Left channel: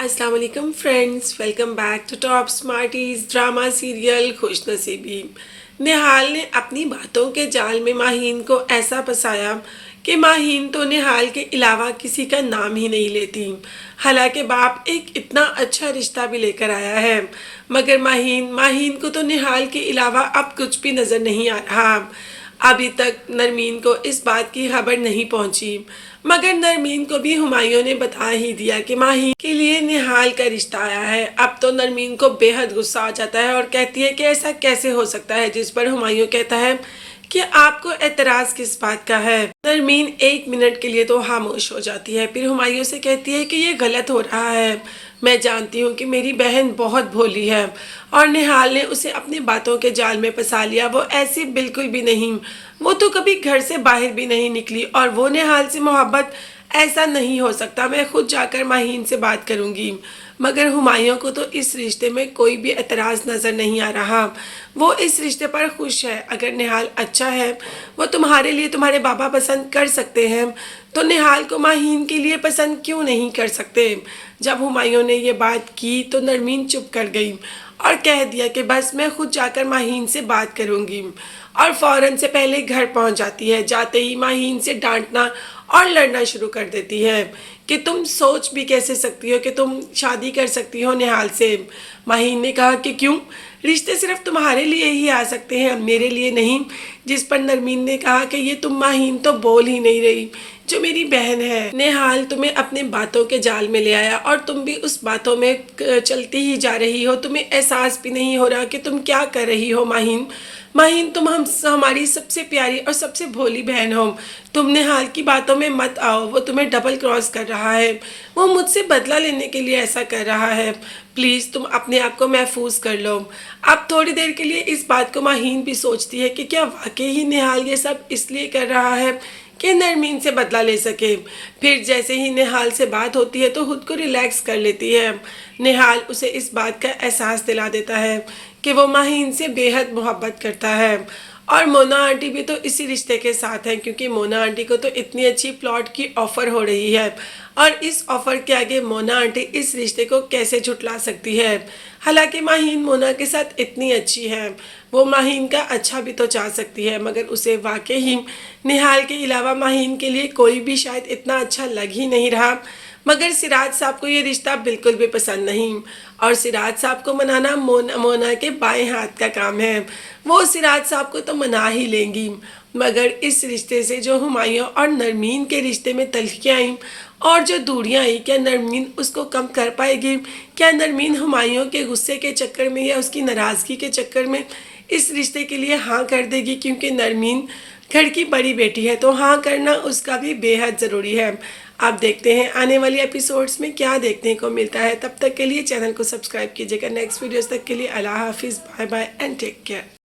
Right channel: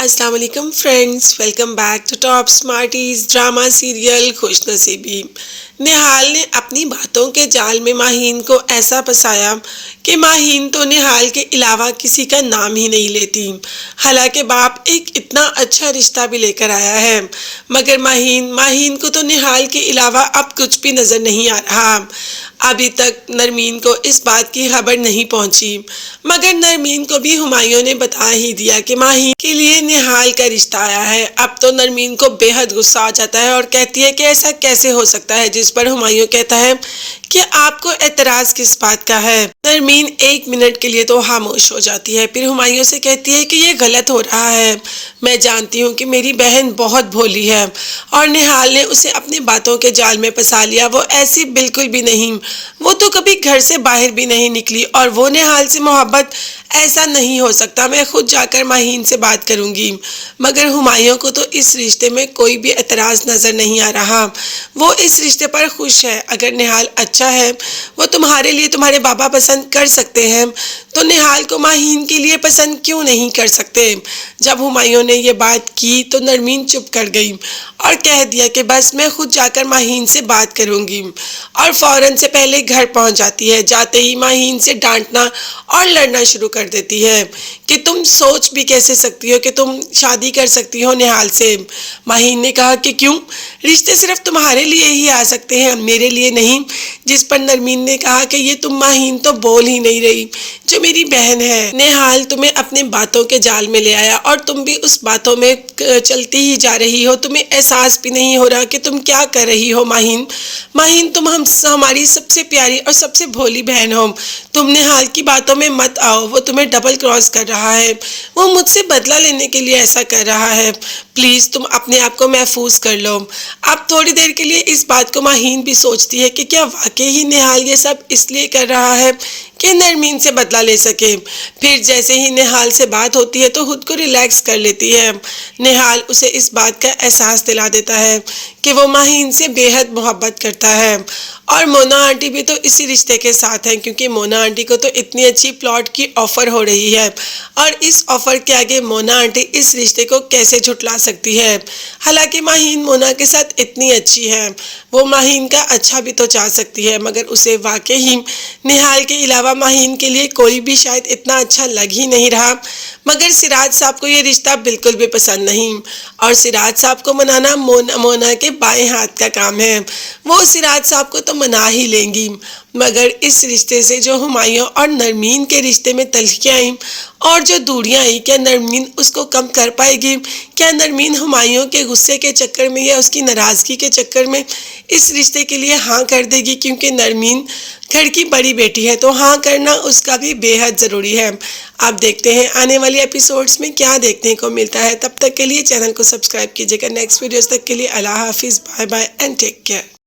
السلام علیکم friends, welcome back to top smarties drama serial خوش نصیبی۔ نہال نے اپنی باتوں کے جال میں ماہین کو ایسا پھنسایا کہ ماہین تو نہال کے علاوہ کسی کا نام ہی نہیں لیتی۔ حالانکہ باپ ایک اتنا اچھا رشتہ بھی لے کر آیا ہے، مگر ماہین کو تو نہال کے علاوہ اب کچھ بھی نظر نہیں آ رہا۔ ابھی تک نرمین کو اس بات کی خبر نہیں پہنچی، مگر نرمین کو بھی ہمایوں نے بتا ہی دیا کہ ماہین کے لیے نہال کا رشتہ آیا ہے۔ اب تو نرمین کو بے حد غصہ آ جاتا ہے اور کہتی ہے کہ ایسا کیسے ہو سکتا ہے، جس پر ہمایوں کہتا ہے کہ آپ کو اعتراض کس بات کا ہے۔ نرمین ایک منٹ کے لیے تو خاموش ہو جاتی ہے، پھر ہمایوں سے کہتی ہے کہ یہ غلط ہو رہا ہے۔ میں جانتی ہوں کہ میری بہن بہت بھولی ہے اور نہال نے اسے اپنی باتوں کے جال میں پھنسا لیا۔ وہ ایسی بالکل بھی نہیں، وہ تو کبھی گھر سے باہر بھی نہیں نکلی، اور وہ نہال سے محبت ایسا نہیں ہو سکتا۔ میں خود جا کر ماہین سے بات کروں گی۔ مگر ہمایوں کو تو اس رشتے میں کوئی بھی اعتراض نظر نہیں آ رہا۔ وہ اس رشتے پر خوش ہے۔ اگر نہال اچھا ہے، وہ تمہارے لیے تمہارے بابا پسند کر سکتے ہیں، تو نہال کو ماہین کے لیے پسند کیوں نہیں کر سکتے؟ جب ہمایوں نے یہ بات کی تو نرمین چپ کر گئی اور کہہ دیا کہ بس میں خود جا کر ماہین سے بات کروں گی، اور فوراً سے پہلے گھر پہنچ جاتی ہے۔ جاتے ہی ماہین سے ڈانٹنا اور لڑنا شروع کر دیتی ہے کہ تم سوچ بھی کیسے سکتی ہو کہ تم شادی کر سکتی ہو نہال سے۔ ماہین نے کہا کہ کیوں؟ رشتے صرف تمہارے لیے ہی آ سکتے ہیں، میرے لیے نہیں۔ جس پر نرمین نے کہا کہ یہ تم ماہین تو بول ہی نہیں رہی، جو میری بہن ہے۔ نہال تمہیں اپنے باتوں کے جال میں لے آیا اور تم بھی اس باتوں میں چلتی ہی جا رہی ہو۔ تمہیں احساس بھی نہیں ہو رہا کہ تم کیا کر رہی ہو۔ ماہین تم ہماری سب سے پیاری اور سب سے بھولی بہن ہو۔ تم نہال کی باتوں میں مت آؤ، وہ تمہیں ڈبل کراس کر رہا ہے، وہ مجھ سے بدلہ لینے کے لیے ایسا کر رہا ہے۔ پلیز تم اپنے آپ کو محفوظ کر لو۔ اب تھوڑی دیر کے لیے اس بات کو ماہین بھی سوچتی ہے کہ کیا واقعی ہی نہال یہ سب اس لیے کر رہا ہے کہ نرمین سے بدلہ لے سکے۔ پھر جیسے ہی نہال سے بات ہوتی ہے تو خود کو ریلیکس کر لیتی ہے۔ نہال اسے اس بات کا احساس دلا دیتا ہے کہ وہ ماہین سے بے حد محبت کرتا ہے، اور مونا آنٹی بھی تو اسی رشتے کے ساتھ ہیں، کیونکہ مونا آنٹی کو تو اتنی اچھی پلاٹ کی آفر ہو رہی ہے، اور اس آفر کے آگے مونا آنٹی اس رشتے کو کیسے جھٹلا سکتی ہے؟ حالانکہ ماہین مونا کے ساتھ اتنی اچھی ہے، وہ ماہین کا اچھا بھی تو چاہ سکتی ہے، مگر اسے واقعی نہال کے علاوہ ماہین کے لیے کوئی بھی شاید اتنا اچھا لگ ہی نہیں رہا۔ مگر سراج صاحب کو یہ رشتہ بالکل بھی پسند نہیں، اور سراج صاحب کو منانا مونا کے بائیں ہاتھ کا کام ہے۔ وہ سراج صاحب کو تو منا ہی لیں گی، مگر اس رشتے سے جو ہمایوں اور نرمین کے رشتے میں تلخیاں آئیں اور جو دوریاں آئیں، کیا نرمین اس کو کم کر پائے گی؟ کیا نرمین ہمایوں کے غصے کے چکر میں یا اس کی ناراضگی کے چکر میں اس رشتے کے لیے ہاں کر دے گی؟ کیونکہ نرمین گھر کی بڑی بیٹی ہے، تو ہاں کرنا اس کا بھی بے حد ضروری ہے۔ آپ دیکھتے ہیں آنے والی ایپیسوڈز میں کیا دیکھنے کو ملتا ہے۔ تب تک کے لیے چینل کو سبسکرائب کیجیے گا۔ نیکسٹ ویڈیوز تک کے لیے اللہ حافظ، bye bye and take care.